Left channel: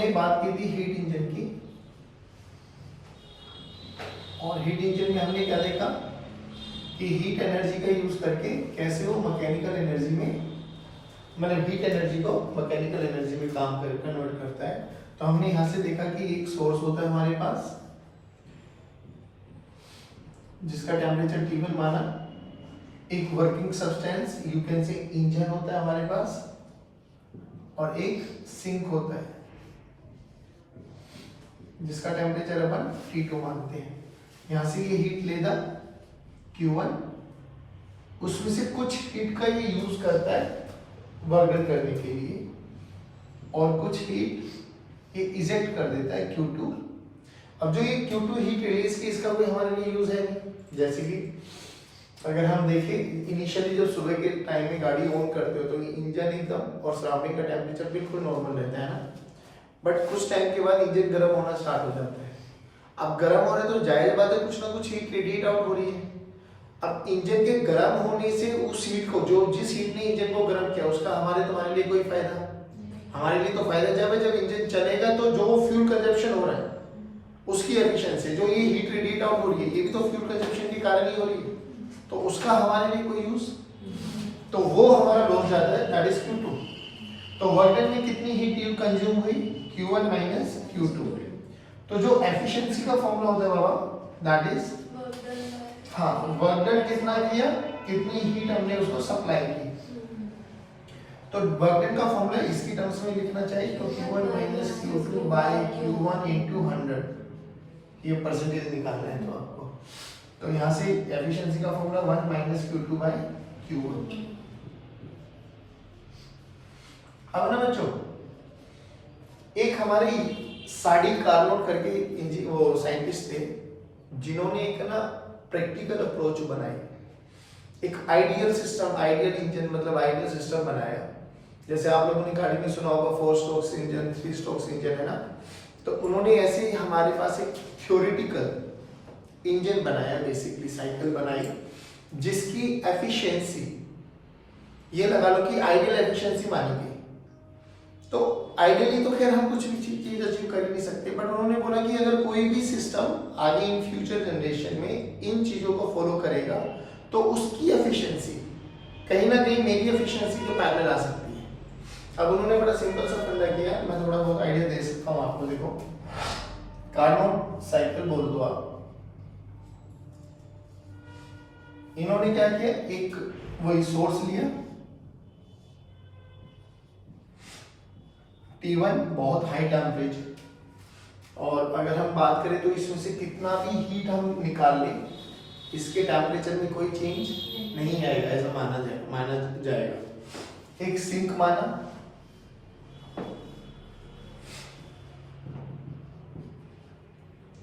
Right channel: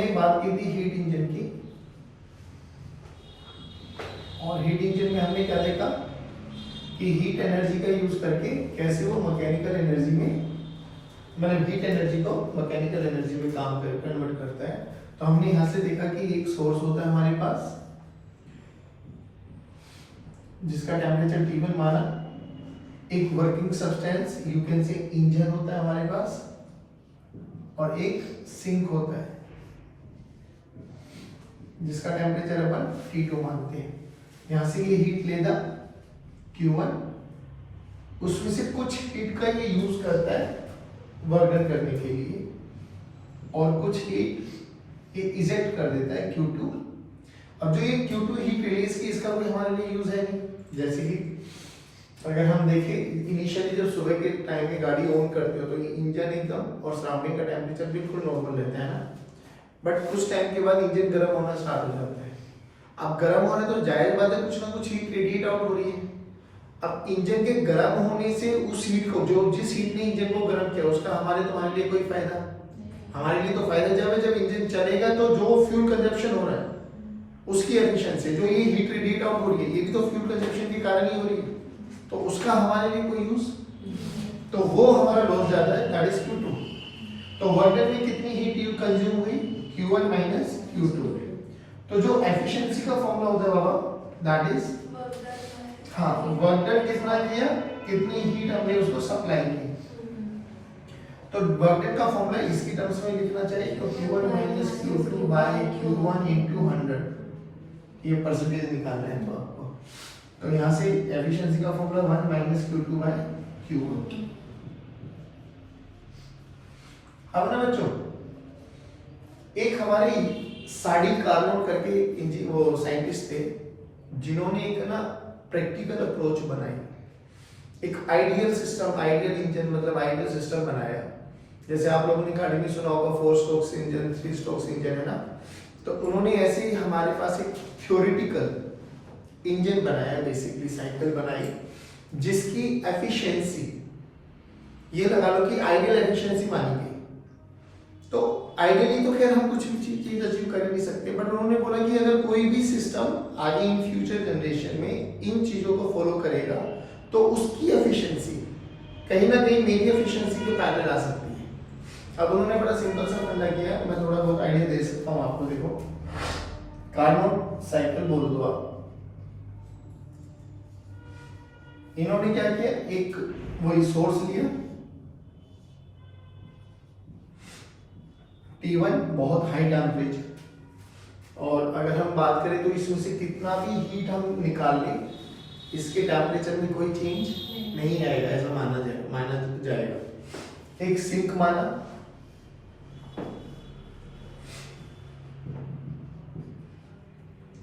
हमने बात की थी हीट इंजन की, और हीट इंजन में हमने क्या देखा कि हीट एनर्जी का यूज करके कैसे वो मैकेनिकल एनर्जी में, मतलब हीट एनर्जी को मैकेनिकल एनर्जी में काम कर कन्वर्ट करता है। तो हमने यहाँ से देखा कि एक सोर्स होता है हमारे पास जिसका टेम्परेचर T1 माना, एक working substance you can say engine होता है हमारे पास, और एक सिंक होता है जिसका टेम्परेचर अपन T2 मानते हैं। यहाँ से ये हीट लेगा Q1, उसमें से कुछ हीट का ये यूज करता है वर्क डन करने के लिए, और कुछ हीट ये इजेक्ट कर देता है Q2। अब जो ये Q2 हीट रिलीज की, इसका कोई हमारे लिए यूज है नहीं। जैसे कि अगर हम देखें इनिशियली जब सुबह के टाइम में गाड़ी ऑन करते हो तो ये इंजन एकदम और सराउंडिंग का टेम्परेचर बिल्कुल नॉर्मल रहता है ना, बट कुछ टाइम के बाद इंजन गर्म होना स्टार्ट हो जाता है। अब गर्म हो रहा है तो जाहिर बात है कुछ ना कुछ हीट रेडिएट आउट हो रही है। अब इंजन के गर्म होने से उस हीट को, जो जिस हीट ने इंजन को गर्म किया, उसका हमारे तुम्हारे लिए कोई फायदा? हमारे लिए तो फायदा जब इंजन चलेगा तो जो फ्यूल कंजप्शन हो रहा है उसकी एफिशिएंसी, जो ये हीट रेडिएट आउट हो रही है, ये भी तो फ्यूल कंजप्शन के कारण ही हो रही है, तो उसका हमारे लिए कोई यूज, तो वो हमारा लॉस ज्यादा है, दैट इज Q2। तो वर्क डन में कितनी हीट कंज्यूम हुई? Q1 minus Q2। तो जो एफिशिएंसी का फॉर्मूला होता है बाबा, दैट इज, हाँ, वर्क डन कितना किया, कितनी हीट हमने उसको सप्लाई की। तो वर्क डन का फॉर्मूला इसकी टर्म्स में लिखना चाहिए, तो Q1 minus Q2 bye Q1 into 100, ये परसेंटेज निकालना है तो आपको। तो यहाँ से एफिशिएंसी का formula 1 minus Q2 bye Q1। अब ना बच्चों, एक हमारे साडी कार्नोट करके वो साइंटिस्ट थे जिन्होंने एक ना प्रैक्टिकल अप्रोच बनाई, एक आइडियल सिस्टम, आइडियल इंजन मतलब आइडियल सिस्टम बनाया। जैसे आप लोगों ने गाड़ी में सुना होगा 4 स्ट्रोक्स इंजन, 3 स्ट्रोक्स इंजन, है ना। तो उन्होंने ऐसे ही हमारे पास एक थ्योरेटिकल इंजन बनाया, बेसिकली साइकिल बनाई, जिसकी एफिशिएंसी ये लगा लो कि आइडियल एफिशिएंसी मानी गई। तो आइडियली तो खैर हम कुछ भी चीज अचीव कर नहीं सकते, बट उन्होंने बोला कि अगर कोई भी सिस्टम आगे इन फ्यूचर जनरेशन में इन चीजों को फॉलो करेगा तो उसकी एफिशिएंसी कहीं ना कहीं मेरी एफिशिएंसी के पैरेलल आ सकती है। अब उन्होंने बड़ा सिंपल सा फंडा किया, मैं थोड़ा बहुत आइडिया दे सकता हूँ आपको। देखो, कार्नोट साइकिल बोल दो आप। इन्होंने क्या किया, एक वही सोर्स लिया T1, बहुत हाई टेम्परेचर, और अगर हम बात करें तो इसमें से कितना भी हीट हम निकाल लें, इसके टेम्परेचर में कोई चेंज नहीं आएगा, ऐसा माना जाएगा। एक सिंक माना,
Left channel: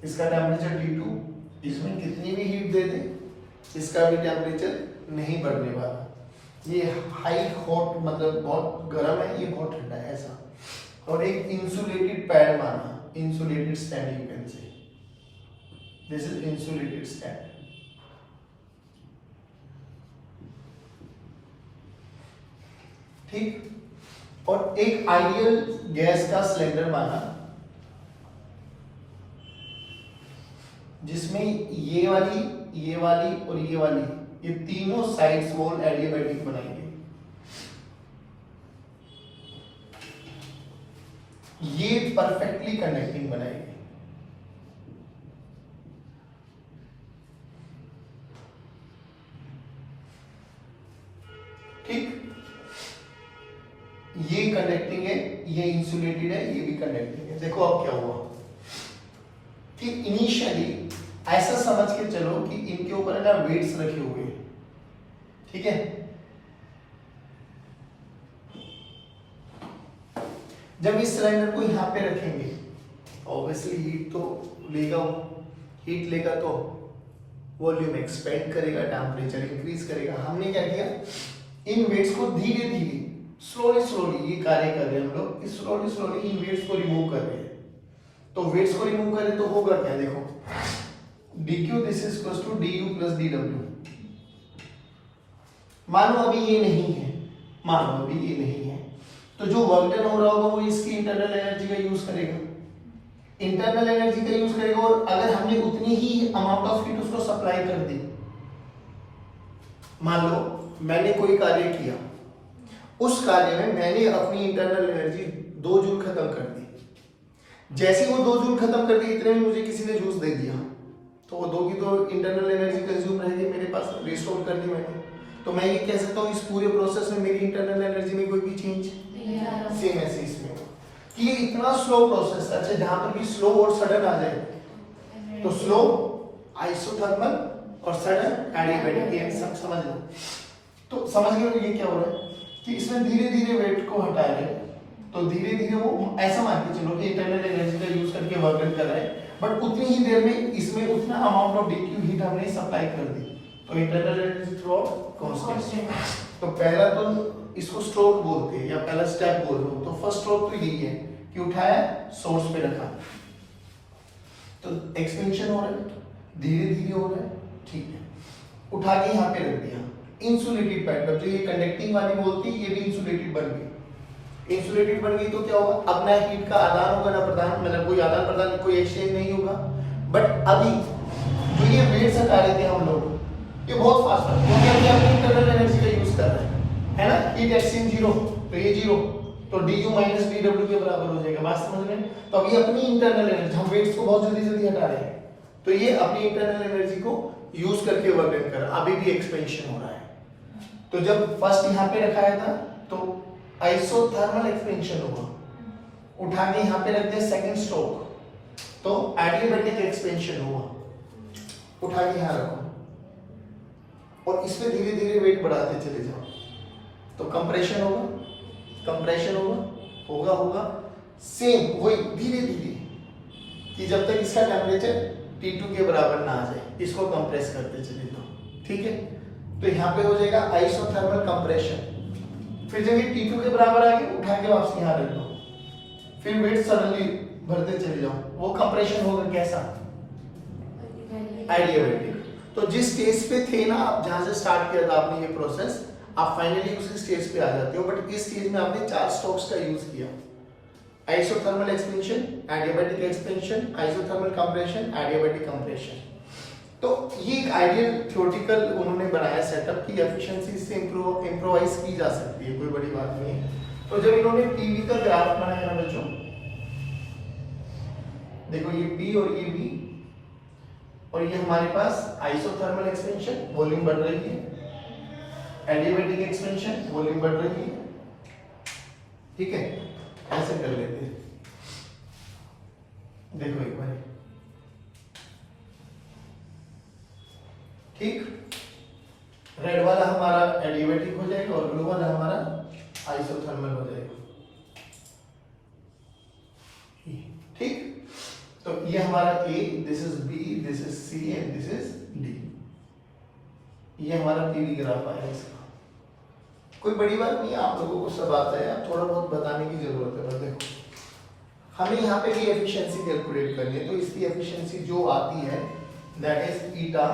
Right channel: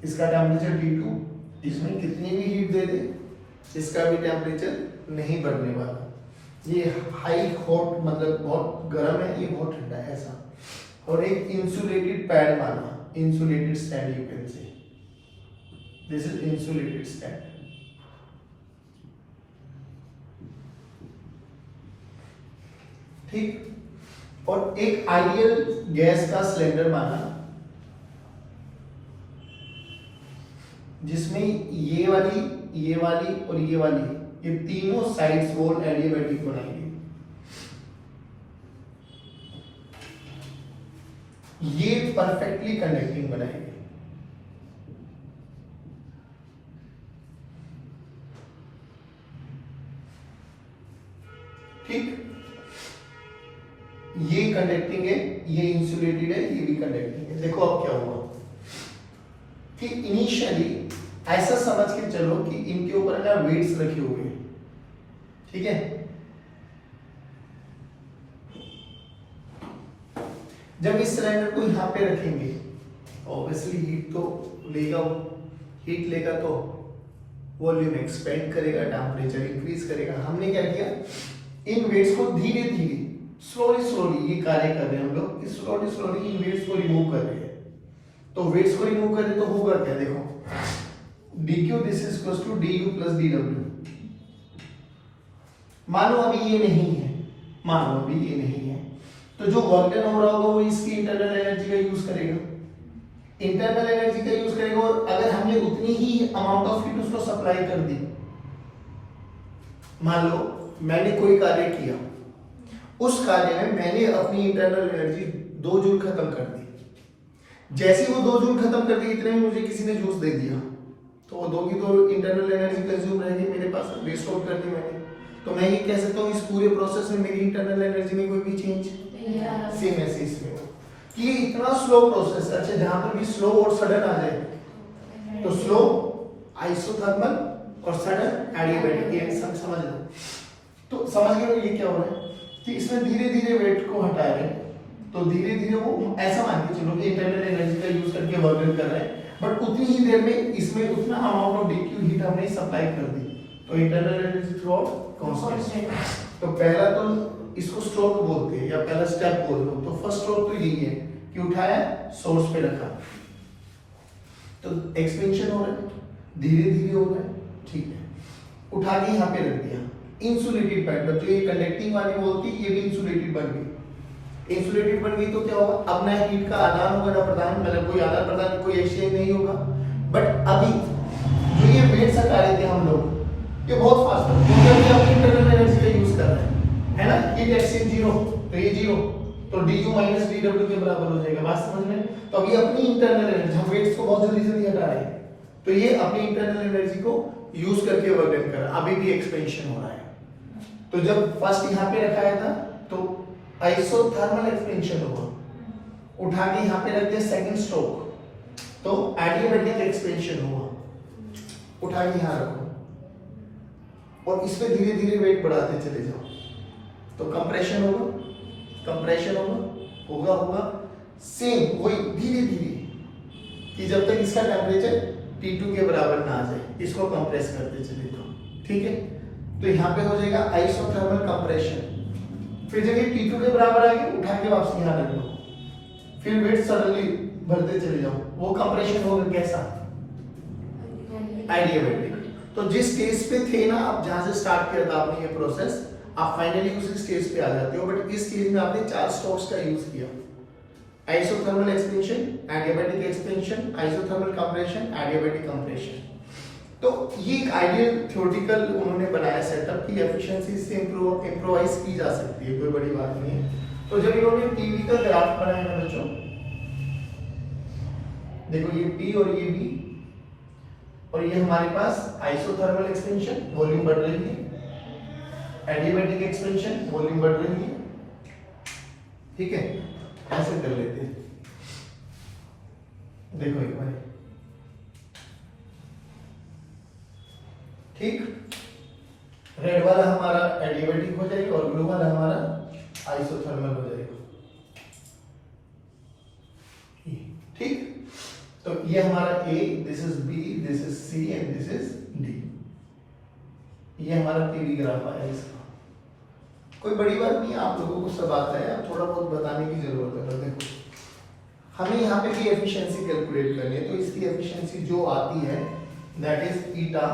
इसका टेम्परेचर T2, इसमें कितनी भी हीट दे दे इसका भी टेम्परेचर नहीं बढ़ने वाला। ये हाई हॉट मतलब बहुत गर्म है, ये बहुत ठंडा है, ऐसा। और एक इंसुलेटेड पैड माना, insulated stand you can say, this is insulated stand. ठीक, और एक आइडियल गैस का सिलेंडर माना, जिसमें ये वाली और ये वाली, ये तीनों साइड्स वॉल एडियाबैटिक बनाएंगे। ये परफेक्टली कंडक्टिंग बनाएंगे। ठीक, ये कंडक्टिंग है, ये इंसुलेटेड है, ये भी कंडक्टिंग है। देखो अब क्या हुआ कि इनिशियली ऐसा समझ के चलो कि इनके ऊपर ना वेट्स रखे हुए हैं, ठीक है। जब इस सिलेंडर को यहाँ पे रखेंगे, ऑब्वियसली हीट तो लेगा, हीट लेगा तो वॉल्यूम एक्सपेंड करेगा, टेम्परेचर इंक्रीज करेगा। हमने क्या किया, इन वेट्स को धीरे धीरे स्लोली ये कार्य कर रहे हैं हम लोग, स्लोली इन वेट्स को रिमूव कर रहे हैं। तो वेट्स को रिमूव करें तो होगा क्या, देखो dq this is equal to du plus dw। मानो अभी ये नहीं है, मानो अभी ये नहीं है, तो जो वर्क डन हो रहा होगा वो इसकी इंटरनल एनर्जी का यूज करेगा, इंटरनल एनर्जी का यूज करेगा। और अगर हमने उतनी ही अमाउंट ऑफ हीट उसको सप्लाई कर दी, मान लो मैंने कोई कार्य किया, उस कार्य में मैंने अपनी इंटरनल एनर्जी 2 जूल खत्म कर दी, जैसे ही वो 2 जूल खत्म कर दी इतने में मुझे किसी ने जूस दे दिया, तो वो 2 की तो इंटरनल एनर्जी कंज्यूम रहेगी मेरे पास, रिस्टोर कर दी मैंने। तो मैं ये कह सकता हूँ इस पूरे प्रोसेस में मेरी इंटरनल एनर्जी में कोई भी चेंज सेम ऐसे इसमें कि इतना स्लो प्रोसेस। अच्छा, जहां पर भी स्लो और सडन आ जाए तो स्लो आइसोथर्मल और सडन एडियाबैटिक, ये सब समझ लो। तो समझ गए ये क्या हो रहा है कि इसमें धीरे धीरे वेट को हटा रहे हैं, तो धीरे धीरे वो ऐसा मान के चलो कि इंटरनल एनर्जी का यूज करके वर्क कर रहे हैं, बट उतनी ही देर में इसमें उतना अमाउंट ऑफ डीक्यू हीट हमने सप्लाई कर दी, तो internal energy through out constant. तो पहला तो इसको स्ट्रोक बोलते हैं या पहला स्टेप बोल लो। तो फर्स्ट स्ट्रोक तो यही है कि उठाया, सोर्स पे रखा, तो एक्सपेंशन हो रहा है, धीरे धीरे हो रहा है, ठीक है। उठा के यहाँ पे रख दिया, इंसुलेटेड पैटर्न, जो ये कंडक्टिंग वाली बोलती है, ये भी इंसुलेटेड बन गई। इंसुलेटेड बन गई तो क्या होगा, अब ना हीट का आदान होगा ना प्रदान, मतलब कोई आदान प्रदान कोई एक्सचेंज नहीं होगा। बट अभी जो ये वेट्स हटा रहे थे हम लोग, ये बहुत फास्ट है क्योंकि हम अपनी इंटरनल एनर्जी का यूज कर रहे हैं, है ना। हीट एक्सचेंज 0, तो ये 0, तो du माइनस dw के बराबर हो जाएगा, बात समझ में। तो अभी अपनी इंटरनल एनर्जी, हम वेट्स को बहुत जल्दी जल्दी हटा रहे हैं, तो ये अपनी इंटरनल एनर्जी को यूज करके वर्क डन कर रहा है। अभी भी एक्सपेंशन हो रहा है। तो जब फर्स्ट यहाँ पे रखाया था तो आइसोथर्मल एक्सपेंशन होगा, उठा के यहाँ पे रख दिया सेकंड स्ट्रोक, तो एडियाबैटिक एक्सपेंशन होगा, उठा के यहाँ रखो और इसमें धीरे धीरे वेट बढ़ाते चले जाओ, तो कंप्रेशन होगा, कंप्रेशन होगा होगा सेम वही धीरे धीरे, कि जब तक इसका टेम्परेचर T2 के बराबर ना आ जाए, इसको कंप्रेस करते चले जाओ, ठीक है। तो यहाँ पे हो जाएगा आइसोथर्मल कंप्रेशन। फिर जब ये T2 के बराबर आ गई, उठा के वापस यहाँ रख लो, फिर वेट सडनली भरते चले जाओ, वो कंप्रेशन होगा कैसा, आइडियाबैटिक। तो जिस स्टेज पे थे ना आप, जहां से स्टार्ट किया था आपने ये प्रोसेस, आप फाइनली उसी स्टेज पे आ जाते हो। बट इस स्टेज में आपने 4 स्ट्रोक्स का यूज किया, isothermal expansion, adiabatic expansion, isothermal compression, adiabatic compression. तो ये एक आइडियल थ्योरेटिकल उन्होंने बनाया सेटअप की एफिशिएंसी से इम्प्रोवाइज की जा सकती है, कोई बड़ी बात नहीं है। तो जब इन्होंने पीवी का ग्राफ बनाया ना बच्चों, देखो ये पी और ये वी, और ये हमारे पास आइसोथर्मल एक्सपेंशन, वॉल्यूम बढ़ रही है, एडियाबैटिक एक्सपेंशन, वॉल्यूम बढ़ रही है, ठीक है। ऐसे कर लेते हैं, देखो एक बार, ठीक। रेड वाला हमारा एडियाबैटिक हो जाएगा और ब्लू वाला हमारा आइसोथर्मल हो जाएगा, ठीक। तो ये हमारा A, this is B, this is C and this is D। ये हमारा पीवी ग्राफ आया इसका। कोई बड़ी बात नहीं है, आप लोगों को सब आता है, आप थोड़ा बहुत बताने की जरूरत है। बस देखो, हमें यहाँ पे भी एफिशिएंसी कैलकुलेट करनी है, तो इसकी एफिशिएंसी जो आती है that is eta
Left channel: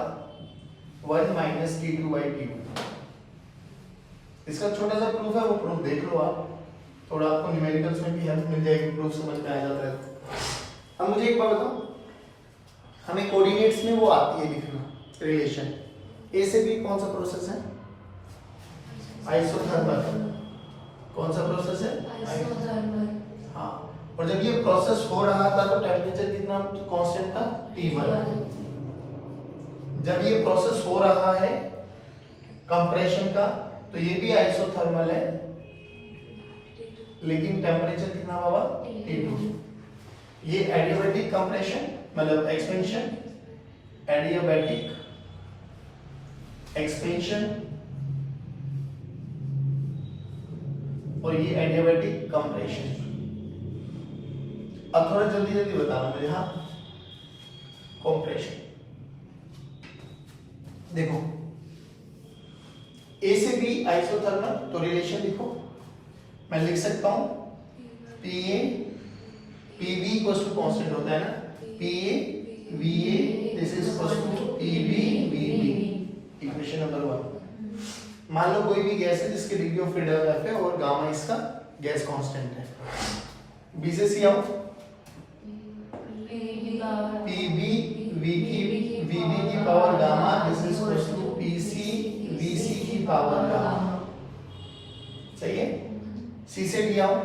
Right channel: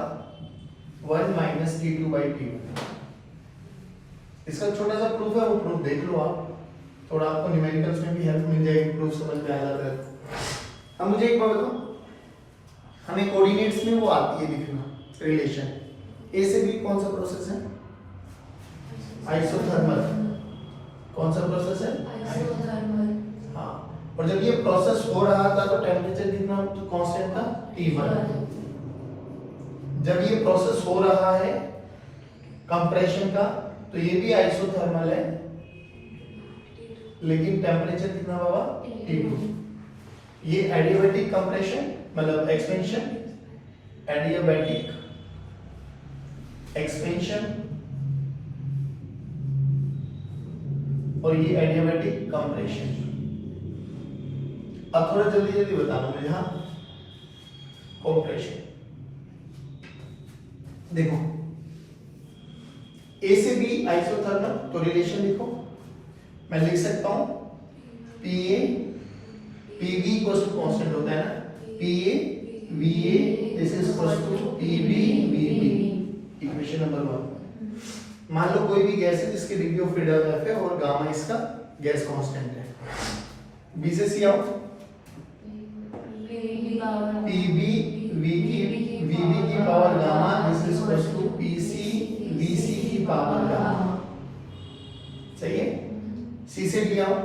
1 minus T2 by T1। इसका छोटा सा प्रूफ है, वो प्रूफ देख लो आप, थोड़ा आपको न्यूमेरिकल्स में भी हेल्प मिल जाएगी, प्रूफ समझ में आ जाता है। अब मुझे एक बात बताओ, हमें कोऑर्डिनेट्स में वो आती है लिखना रिलेशन, ए से बी कौन सा प्रोसेस है, आइसोथर्मल। कौन सा प्रोसेस है, आइसोथर्मल। हाँ, और जब ये प्रोसेस हो रहा था तो टेम्परेचर कितना कांस्टेंट था, T1। जब ये प्रोसेस हो रहा है कंप्रेशन का, तो ये भी आइसोथर्मल है, लेकिन टेम्परेचर कितना बाबा, T2। ये एडियाबैटिक कंप्रेशन मतलब एक्सपेंशन, एडियाबैटिक एक्सपेंशन, और ये एडियाबैटिक कंप्रेशन। अब थोड़ा जल्दी जल्दी बताना मुझे, हाँ। कंप्रेशन देखो, ए से बी आइसोथर्मल, तो रिलेशन लिखो, मैं लिख सकता हूं PA PB equals to constant होता है ना, PA VA this is equals to PB VB, equation number 1। मान लो कोई भी गैस है जिसकी डिग्री ऑफ फ्रीडम F है और गामा इसका गैस कांस्टेंट है। बी से सी आओ, पीबी वीबी की power gamma this is equals to PC VC की पावर गामा। सही है। सी से डी आओ,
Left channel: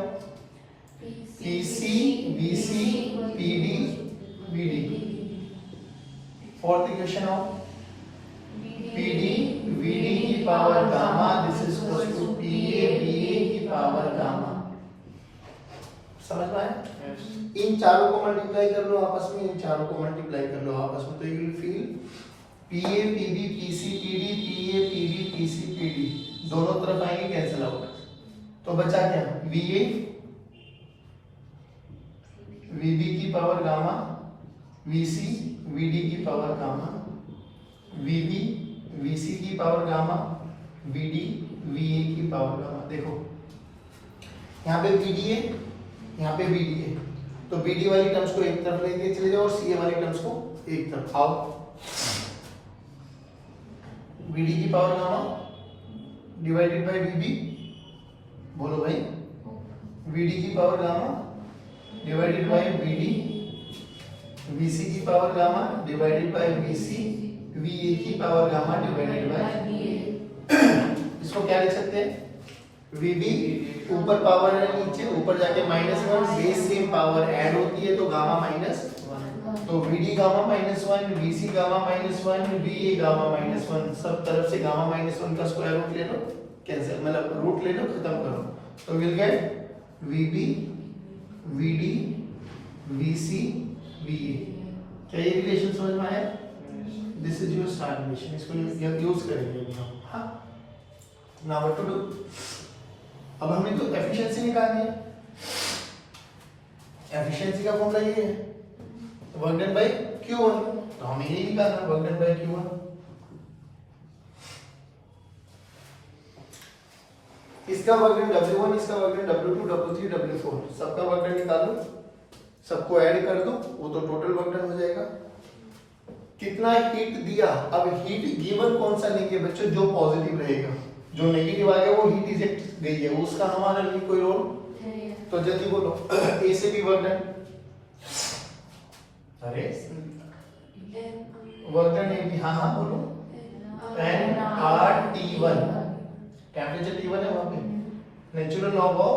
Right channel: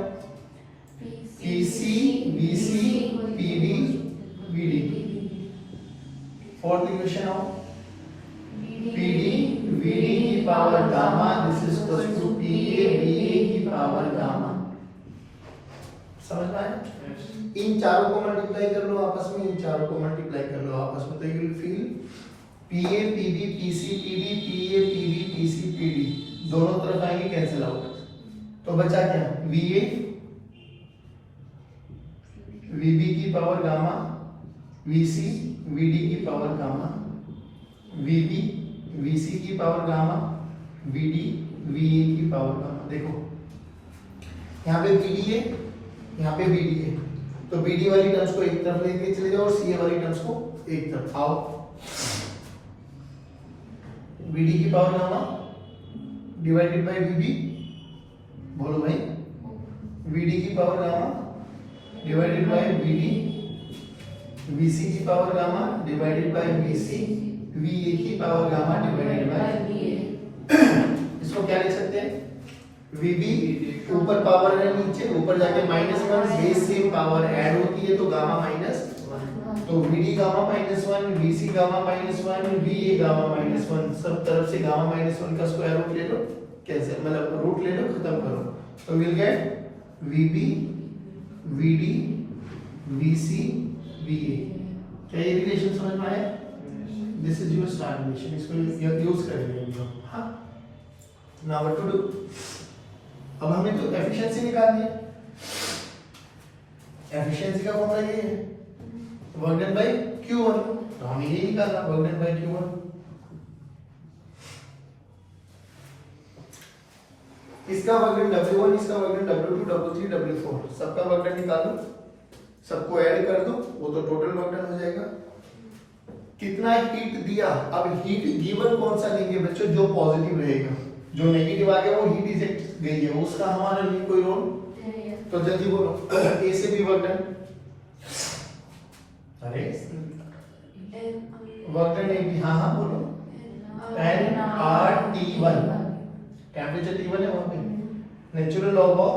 PC VC PD VD. Fourth equation आओ, पीडी वीडी की power gamma this is equals to PA VA की पावर गामा। समझ में आया? इन चारों को मल्टीप्लाई कर लो आपस में, इन चारों को मल्टीप्लाई कर लो आपस में, तो you will feel PA PD PC PD PA PD PC PD दोनों तरफ आएंगे कैंसिल आउट। तो बचा क्या? वीए वीबी की पावर गामा वीसी वीडी की पावर गामा वीबी वीसी की पावर गामा वीडी वीए की पावर गामा। देखो यहाँ पे पीडी है, यहाँ पे बीडी है, तो बीडी वाली टर्म्स को एक तरफ लेके चले जाओ और सी वाली टर्म्स को एक तरफ। आओ, बीडी की power gamma divided by BB, बोलो भाई, बीडी की power gamma divided by BD, VC की power gamma divided by VC, VA की power gamma divided by VA. इसको क्या लिख सकते हैं? वीबी ऊपर पावर है, नीचे ऊपर जाके -1, बेस से पावर ऐड होती है तो गामा माइनस, तो VD gamma -1, VC gamma -1, VA gamma -1, सब तरफ से गामा -1 का स्क्वायर रूट ले लो, कैंसिल मतलब रूट ले लो, खत्म करो, तो will get VB VD VC VA. क्या ये रिलेशन समझ में आया? This is your start relation, इसको यूज करेंगे हम। हां, नाउ व्हाट टू डू? अब हमने तो एफिशिएंसी निकालनी है। एफिशिएंसी का फॉर्मूला ये है वर्क डन बाय Q1, तो हमें ये निकालना वर्क डन बाय Q1। इसका वर्क डन W1, इसका work done W2, W3, W4, सबका वर्क डन निकाल लो, सबको ऐड कर दो, वो तो टोटल वर्क डन हो जाएगा। कितना हीट दिया? अब हीट गिवन कौन सा लेंगे बच्चों? जो पॉजिटिव रहेगा, जो नेगेटिव आ गया वो हीट इजेक्ट गई है, उसका हमारे लिए कोई रोल। तो जल्दी बोलो, ए से भी वर्क डन, अरे वर्क डन ए भी, हाँ बोलो, nRT1, टेम्परेचर T1 है वहां पे, natural log of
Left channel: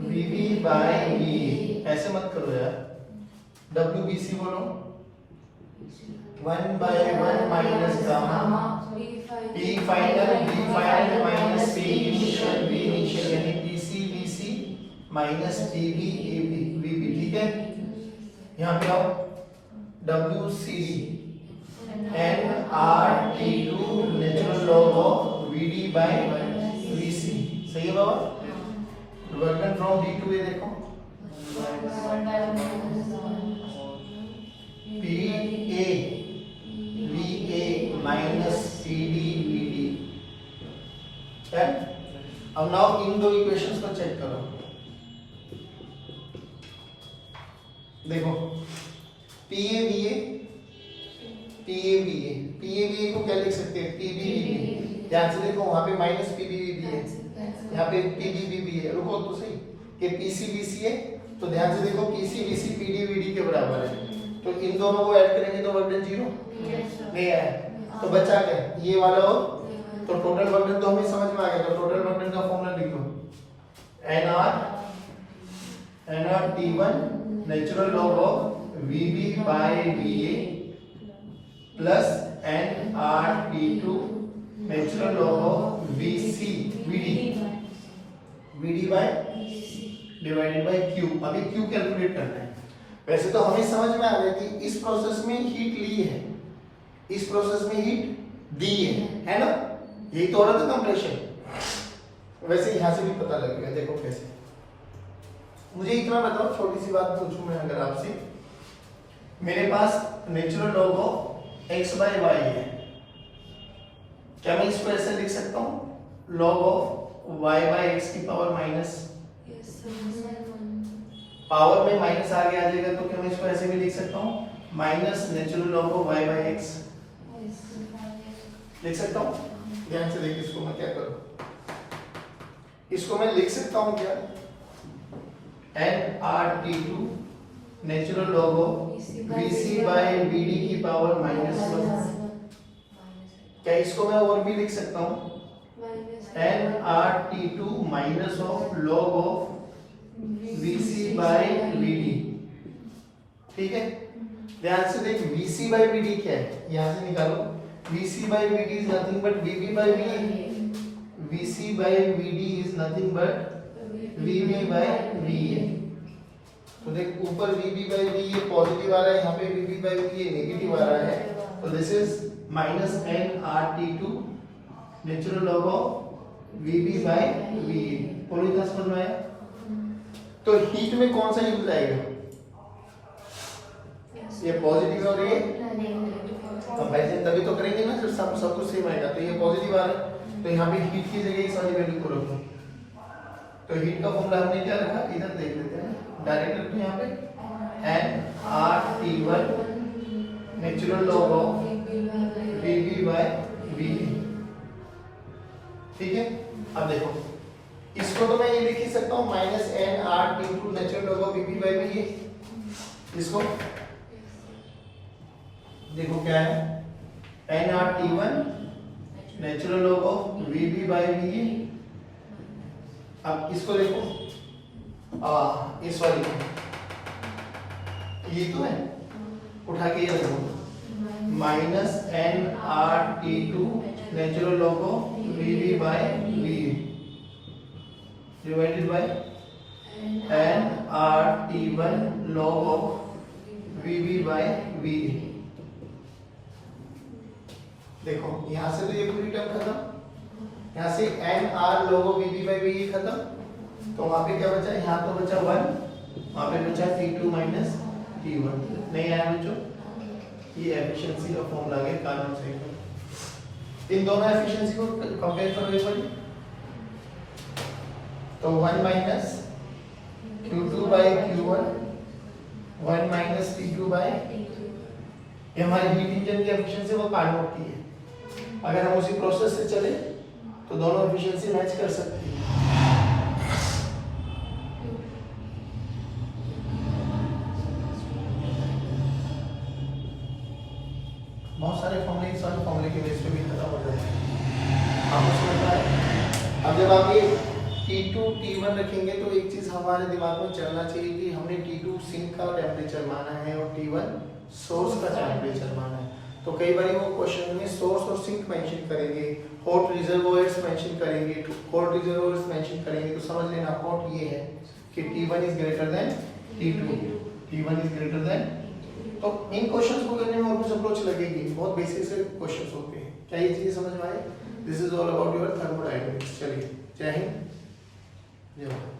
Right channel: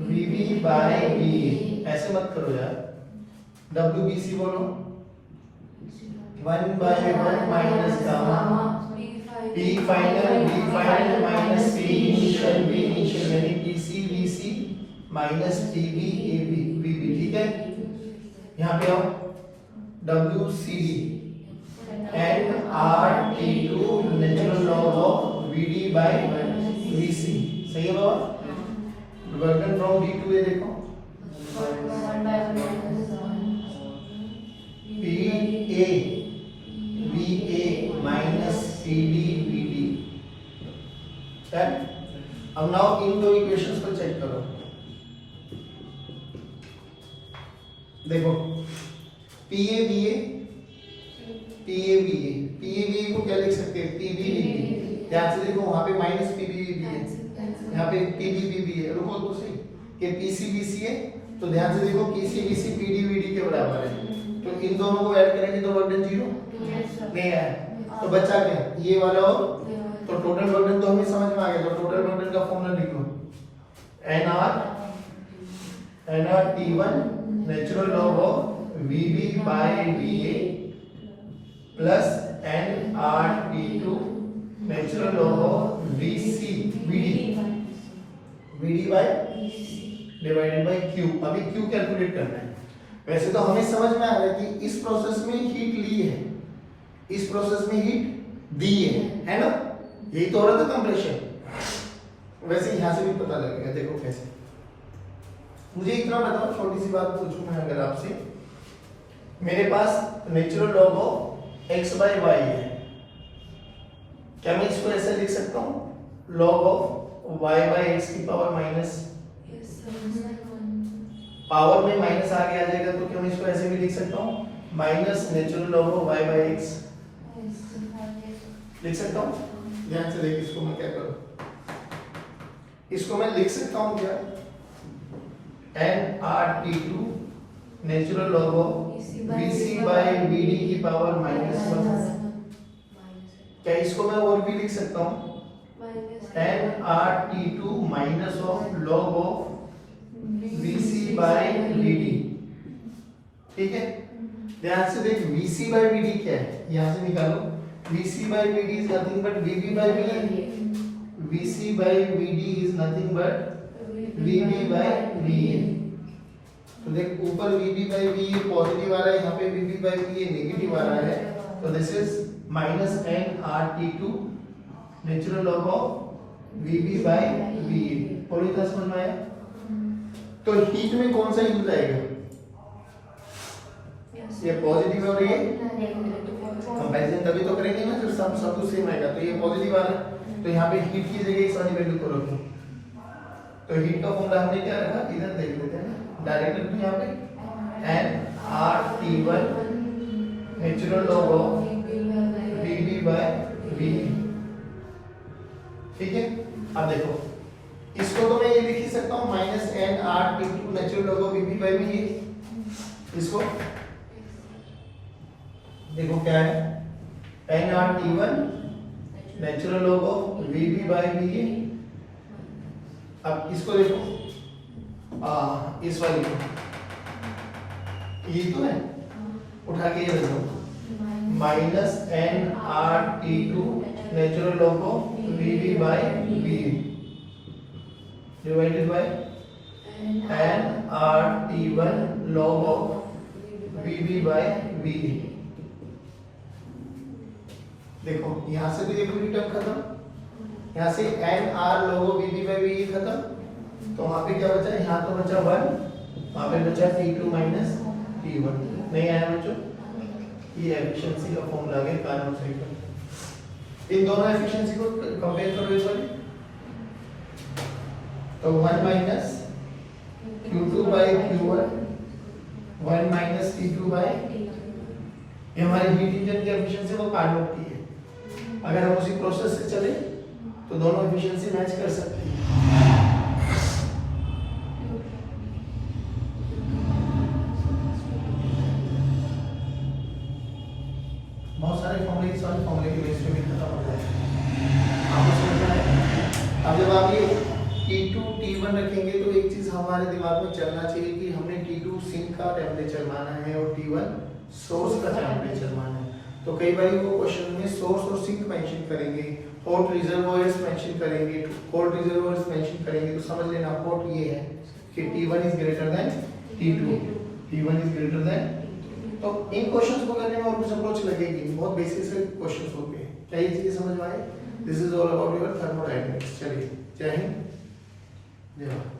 VB by VA, ऐसे मत करो यार। WBC बोलो, 1/1 minus gamma P final B final minus P initial B initial, यानी PC VC minus PB AB VB। ठीक है, यहाँ पे आओ, WCD nRT2 natural log of VD by VC। सही है बाबा? Work done from D to A देखो, PA VA minus CD VD। अब नाउ इन दो इक्वेशंस को चेक करो। देखो PA VA को क्या लिख सकते हैं? PB VB। ध्यान से देखो, वहां पे माइनस PB VB है, यहाँ पे PB VB है। रुको तो सही, कि PC VC है, तो ध्यान से देखो PC VC PD VD के बराबर है, तो इन दोनों को ऐड करेंगे तो वर्क डन 0 नहीं आया, तो बचा क्या? ये वाला और, तो टोटल वर्क डन तो हमें समझ में आ गया, तो टोटल वर्क डन का फॉर्मूला लिख लो, nRT1 natural log of VB by VA plus nRT2 natural log of VC VD by divided by Q। अभी Q कैलकुलेट करना है। वैसे तो हमें समझ में आ रहा है कि इस प्रोसेस में हीट ली है, इस प्रोसेस में हीट दी है ना? यही तो हो रहा था कंप्रेशन। वैसे यहां से भी पता लगेगा, देखो कैसे। मुझे इतना बताओ, छोटी सी बात पूछूं मैं अगर आपसे, मेरे पास natural log of x by y है, क्या मैं इसको ऐसे लिख सकता हूं? Log of y by x की पावर माइनस, पावर में माइनस आगे आ जाएगा, तो क्या मैं इसको ऐसे भी लिख सकता हूं? Minus natural log of y by x लिख सकता हूं। ध्यान से देखिए इसको मैं क्या करूं, इसको मैं लिख सकता हूं क्या, nRT2 natural log of Vc by Vd की पावर -1। क्या इसको मैं और भी लिख सकता हूं, nRT2 minus of log of Vc by Vd। ठीक है, ध्यान से देख Vc बाय Vd क्या है, यहां से निकालो। Vc by Vd is nothing but Vb by Vd। Vc by Vd is nothing but Vb by Va। तो देख ऊपर Vb बाय Va पॉजिटिव आ रहा है, यहाँ पे Vb बाय Va नेगेटिव आ रहा है, तो this is -nRT2 natural log of Vb by Va। पूरी तरह समझ में आया? तो हीट में कौन सा यूज आएगा, ये पॉजिटिव और ये कंपैरिजन तभी तो करेंगे ना जब सब कुछ सेम आएगा। तो ये पॉजिटिव आ रहा है, तो यहाँ पे हीट की जगह इस वाली वैल्यू को रखो। तो हीट का फॉर्मूला हमने क्या रखा, इधर देख लेते हैं ना, डायरेक्ट रखो यहाँ पे nRT1 natural log of Vb by Va। ठीक है, अब देखो इसको तो मैं ये लिख ही सकता हूँ -nRT2 natural log of Vb by Va। इसको देखो क्या है, nRT1 natural log of Vb by Va। अब इसको देखो इस वाली को, ये तो है, उठा के ये रख दो, -nRT2 natural log of Vb by Va divided by nRT1 log of Vb by Va। देखो यहां से तो ये पूरी टर्म खत्म, यहां से nR log of Vb by Va खत्म, तो वहां पे क्या बचा, यहां तो बचा 1, वहां पे बचा T2 माइनस T1। नहीं आया बच्चों, ये एफिशिएंसी का फॉर्मूला आ गया कार्नोट साइकिल। इन दोनों एफिशिएंसी को कंपेयर करो इस वाली, तो 1 minus Q2 by Q1, 1 minus T2 by, ये हमारी हीट इंजन की एफिशिएंसी वो कार्नोट की है। अगर हम उसी प्रोसेस से चले तो दोनों एफिशिएंसी मैच कर सकती है। बहुत सारे फॉर्मूले इस वाले फॉर्मूले के बेस पे भी खत्म होते हैं, आपको समझना है। अब जब आप ये T2 T1 रखेंगे तो एक चीज हमारे दिमाग में चलना चाहिए कि हमने T2 सिंक का टेम्परेचर माना है और T1 सोर्स का टेम्परेचर माना है। तो कई बार वो क्वेश्चन में सोर्स और सिंक मेंशन करेंगे, हॉट रिजर्वॉयर्स मेंशन करेंगे, कोल्ड रिजर्वॉयर्स मेंशन करेंगे, तो समझ लेना हॉट ये है कि T1 is greater than T2, T1 is greater than. तो इन क्वेश्चंस को करने में कुछ अप्रोच लगेगी, बहुत बेसिक से क्वेश्चंस होते हैं। क्या ये चीजें समझ में आए? This is all about your thermodynamics. चलिए, जय हिंद, जय भारत।